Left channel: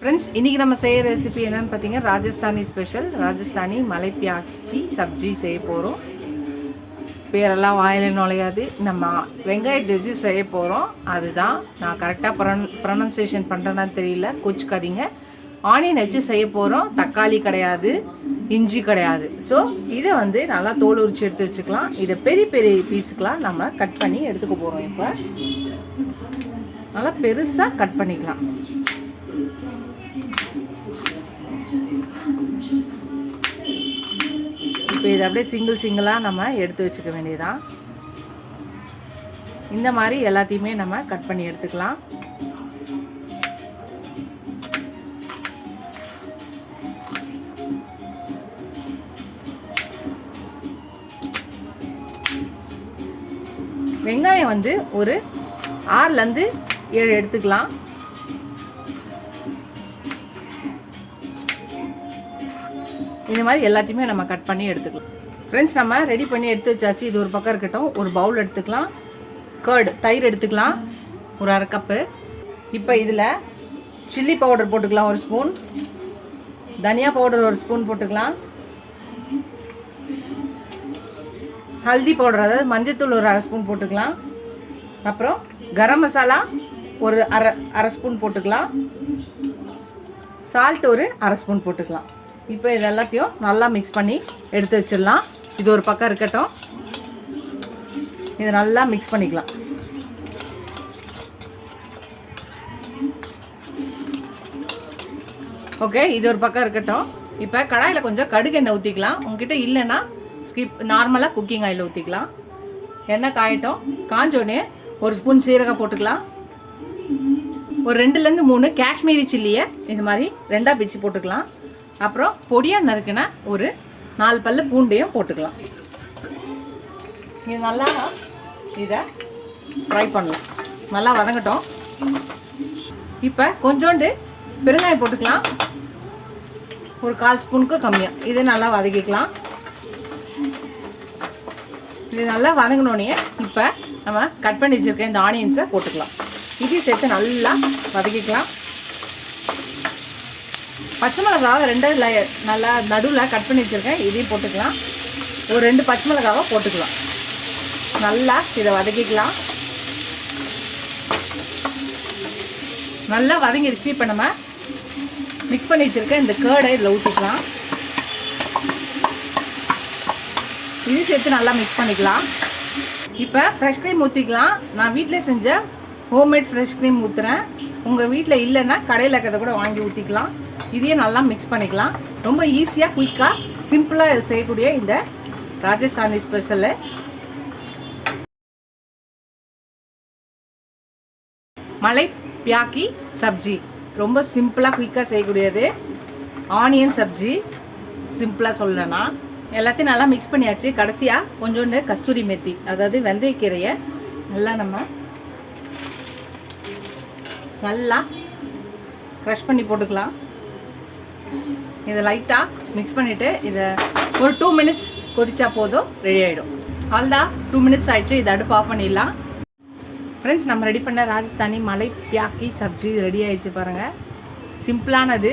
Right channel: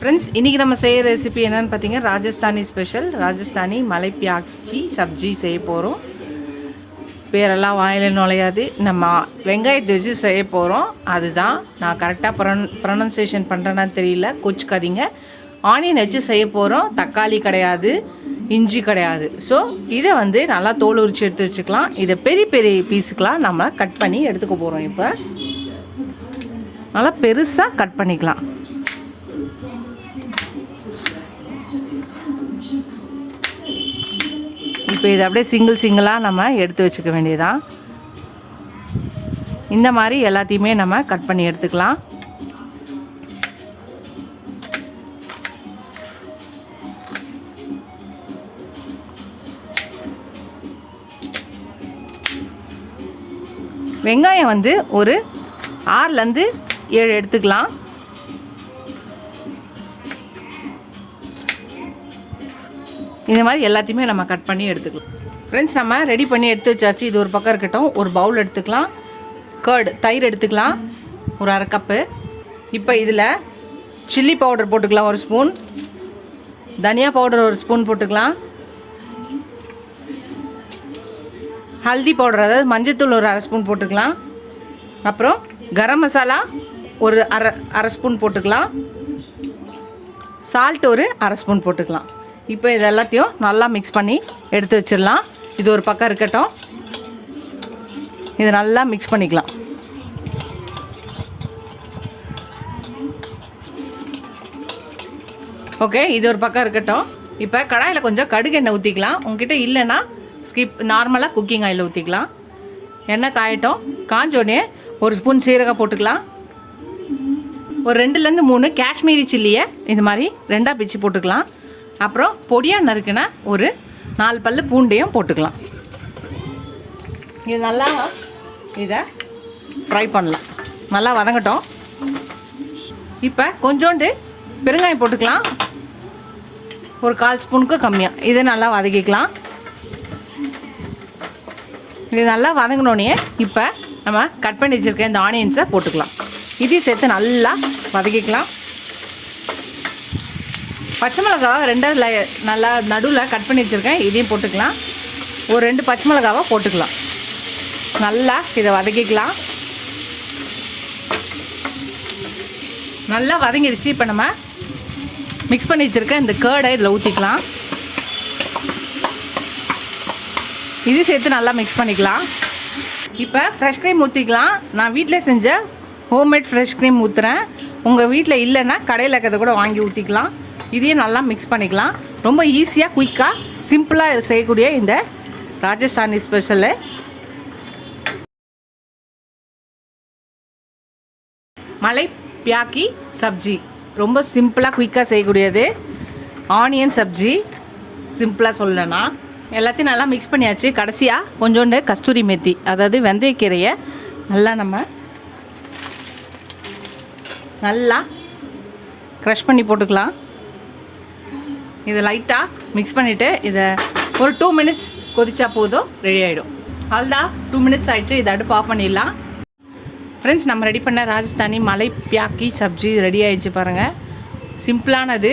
Friends, இன்றைக்கி நம்ம செய்கிற ரெசிபி என்னென்னு பார்த்தீங்கன்னா ராஜஸ்தானி ஸ்பெஷல் ராஜஸ்தானி மலை பியாக்கி சப்ஜி செய்ய போகிறோம். பேரெல்லாம் வாயில் நுழையாது. நம்ம வெங்காயத்தை வச்சு செய்ய போகிறோம். அதுதான் நான் கரெக்டாக ப்ரொனன்சியேஷன் பண்ணுறேன்னு தெரியல, கொச்சுக்காதீங்க. ஆனியன் வச்சு செய்ய போகிறோம். தக்காளி கிடையாது, இஞ்சி கிடையாது. ஸோ இதை நல்லா தோல் உரிச்சு எடுத்து வச்சுக்கலாம். இதை பெரிய பெரிய பீஸுக்கெலாம் நம்ம கட் பண்ணி எடுத்துக்க போகிறோம். இப்போ நல்லா பெருசாக கட் பண்ணிக்கலாம். இப்போ இதை அப்படியே சிங்கிளாக நம்ம எடுத்து வச்சுக்க வேண்டியதான். இந்த மாதிரி எல்லாத்தையுமே நம்ம கட் பண்ணி எடுத்துக்கலாம். வெங்காயம் ஒரு 6லேருந்து 7 எடுத்துக்கலாம். இந்த மாதிரி எல்லாத்தையுமே நம்ம கட் பண்ணி எடுத்துக்கலாம். ஃப்ரெண்ட்ஸ், நம்ம ரெடி பண்ணி எடுத்து வச்சாச்சு. இது ஒரு பக்கம் இருக்கட்டும். ஒரு பவுல் எடுத்துக்கலாம். தயிர் எடுத்துக்கலாம், ஒரு 1/2 கப்பு. இப்போ இதில் சில்லி பவுடர் போட்டுக்கலாம் 1 ஸ்பூன். தனியா பவுடர் 1 ஸ்பூன் போட்டுக்கலாம். ஹல்தி பவுடர், அதாவது மஞ்சத்தூள் ஒரு 1/2 ஸ்பூன் போட்டுக்கலாம். அப்புறம் கரம் மசாலா ஒரு அரை ஸ்பூன் போட்டுக்கலாம். சால்ட் ஒரு 1/2 ஸ்பூன் போட்டுக்கலாம். இப்போ இது எல்லாத்தையும் நல்லா மிக்ஸ் பண்ணி எடுத்து வச்சிடலாம். இது ஒரு பக்கம் இருக்கட்டும். இதை நல்லா மிக்ஸ் பண்ணிக்கலாம். ஓகே, இது ஒரு பக்கம் இருக்கட்டும். இப்போ கடாயில் கொஞ்சம் கடுகு எண்ணெய் ஊற்றிக்கலாம். உங்ககிட்ட இல்லைன்னா நார்மலாக குக்கிங் ஆயில் ஊற்றிக்கலாம். எண்ணெய் காயட்டும். காஞ்சோடனே 1 ஸ்பூன் சீரகம் போட்டுக்கலாம். ஒரு 2லேருந்து 3 காஷ்மீரி சில்லியை இது மாதிரி 2ஆக பிச்சு போட்டுக்கலாம். அப்புறம் பொடியாக நறுக்குனா ஒரு 4 பல்லு பூண்டையும் போட்டுக்கலாம். இது நல்லா இதை ஃப்ரை பண்ணலாம். நல்லா வதங்கட்டும். இப்போ கொஞ்சோண்டு பெருங்காயம் போட்டுக்கலாம், ஒரு 1/4 ஸ்பூனுக்கு கம்மியாக. இதை நல்லா வதக்கிக்கலாம். இது நல்லா வதங்கினோடனே இப்போ நம்ம கட் பண்ணி வச்சுருக்க இந்த ஆனியன்ஸை போட்டுக்கலாம். இதையும் சேர்த்து நல்லா வதக்கிக்கலாம். பச்சை மிளகாவை 2 நல்லா நடுவில் கட் பண்ணி வச்சுருக்கேன். இதையும் போட்டுக்கலாம். ஒரு 2 பச்சை மிளகாவை போட்டுக்கலாம். நல்லா இதை வதக்கிக்கலாம். நல்லா வதங்கிடுச்சு. இப்போ நம்ம மிக்ஸ் பண்ணி வச்சுருக்க இந்த கேர்டை இதில் ஊற்றிக்கலாம். இது சேர்த்து நல்லா மிக்ஸ் பண்ணிக்கலாம். இப்போ ஃப்ரெஷ் க்ரீம் ஊற்றிக்கலாம். நான் வீட்டில் செஞ்ச ஹோம்மேட் ஃப்ரெஷ் க்ரீம் ஊற்றுறேன். உங்கள் வீட்டில் இல்லைன்னா கடையில் இருக்கிறத கூட வாங்கி ஊற்றிக்கலாம். இதையும் நல்லா மிக்ஸ் பண்ணிக்கலாம். ரொம்ப ஈஸியாக, குயிக்காக, சிம்பிளாக செய்யக்கூடிய இந்த ராஜஸ்தானி ஸ்பெஷலு மலை பியாக்கி சப்ஜி. ரொம்ப சிம்பிளாக குயிக்காக செய்யக்கூடியது ஆனியன் சப்ஜி. சிம்பிளாக சொல்லணும்னா எல்லாத்தையும் நல்லா மிக்ஸ் பண்ணியாச்சு. கடைசியாக கொஞ்சோண்டு கஸ்தூரி மெத்தி, அதாவது வெந்தயக்கீரையை நம்ம நல்லா க்ரஷ் பண்ணி போட்டுக்கலாம். இதை லைட்டாக மிக்ஸ் பண்ணிவிட்டு இதை ஒரு 2 மினிட்ஸ் கொதிச்சா போதும், ரெடி ஆகிடும். அவ்வளோதான், 2 மினிட்ஸ் ஆகிடுச்சு. இதை அடுப்பு ஆஃப் பண்ணிடலாம். ஃப்ரெண்ட்ஸ், நம்ம ரெடி பண்ண ராஜஸ்தானி மலை பியாக்கி சப்ஜி ரெடி ஆகிடுச்சு. பாருங்கள், சிம்பிளானது.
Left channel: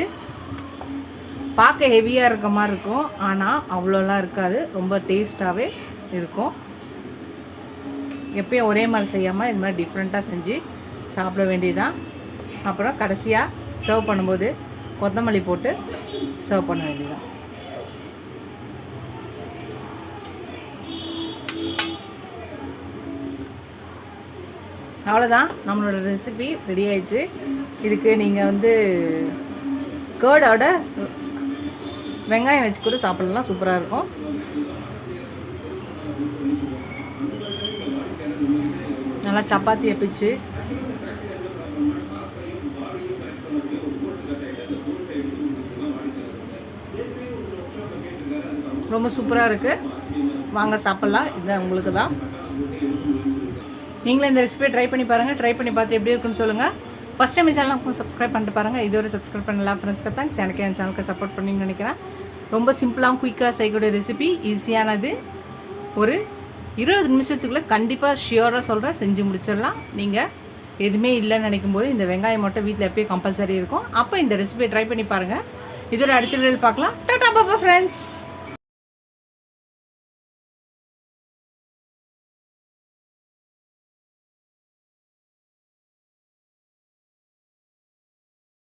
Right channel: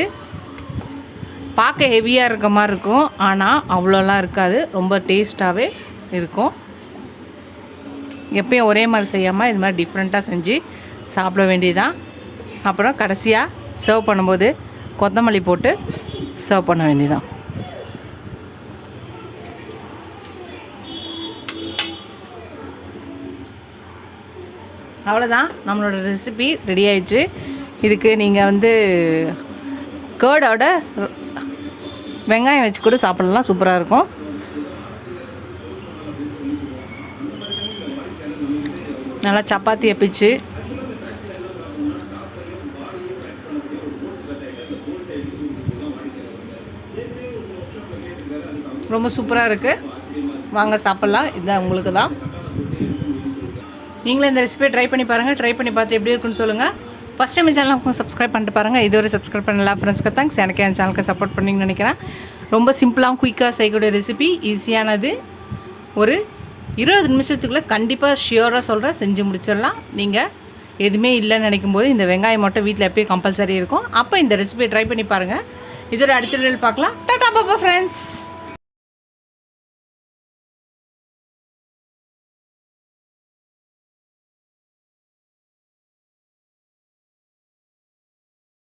பார்க்க ஹெவியாக இருக்க மாதிரி இருக்கும், ஆனால் அவ்வளோலாம் இருக்காது. ரொம்ப டேஸ்ட்டாகவே இருக்கும். எப்பயும் ஒரே மாதிரி செய்யாமல் இது மாதிரி டிஃப்ரெண்ட்டாக செஞ்சு சாப்பிட வேண்டியதுதான். அப்புறம் கடைசியாக சர்வ் பண்ணும்போது கொத்தமல்லி போட்டு சர்வ் பண்ண வேண்டியதான். அவ்வளோதான், நம்மளோட ரெசிபி ரெடி ஆயிடுச்சு. இதுக்கு நீங்கள் கேர்டோட வெங்காயம் வச்சு கூட சாப்பிடலாம். சூப்பராக இருக்கும். நல்லா சப்பாத்தியை பிச்சு ரொம்ப சூப்பராக இருக்குது. வாங்க சாப்பிட்லாம். இதுதான் உங்களுக்கு தான். நீங்களும் இந்த ரெசிபியை ட்ரை பண்ணி பாருங்கள். ட்ரை பண்ணி பார்த்து எப்படி இருக்குன்னு சொல்லுங்கள். ஃபஸ்ட் டைம் சேனலுக்கு சப்ஸ்கிரைப் பண்ணிட்டு பாருங்கள். இதுவரை சப்ஸ்கிரைப் பண்ணலாம். ஃப்ரெண்ட்ஸ்க்கு தேங்க்ஸ். எனக்கு என் சேனலுக்கு சப்போர்ட் பண்ணிங்கன்னு நினைக்கிறேன். ரொம்ப சிம்பிளாக குயிக்காக செய்யக்கூடிய ரெசிபி, ஈஸியானது. ஒரு 20 நிமிஷத்துக்குள்ளே கண்டிப்பாக ஷியோராக சொல்கிறேன், செஞ்சு முடிச்சிடலாம். நீங்கள் எதுவுமே இல்லைன்னு நினைக்கும் போது இந்த வெங்காயம் மட்டும் வீட்டில் எப்பயும் கம்பல்சரி இருக்கும். அப்போ இந்த ரெசிபியை ட்ரை பண்ணி பாருங்கள். இதோட அடுத்த வீடியோவில் பார்க்கலாம். டாடா பாபா ஃப்ரெண்ட்ஸ்.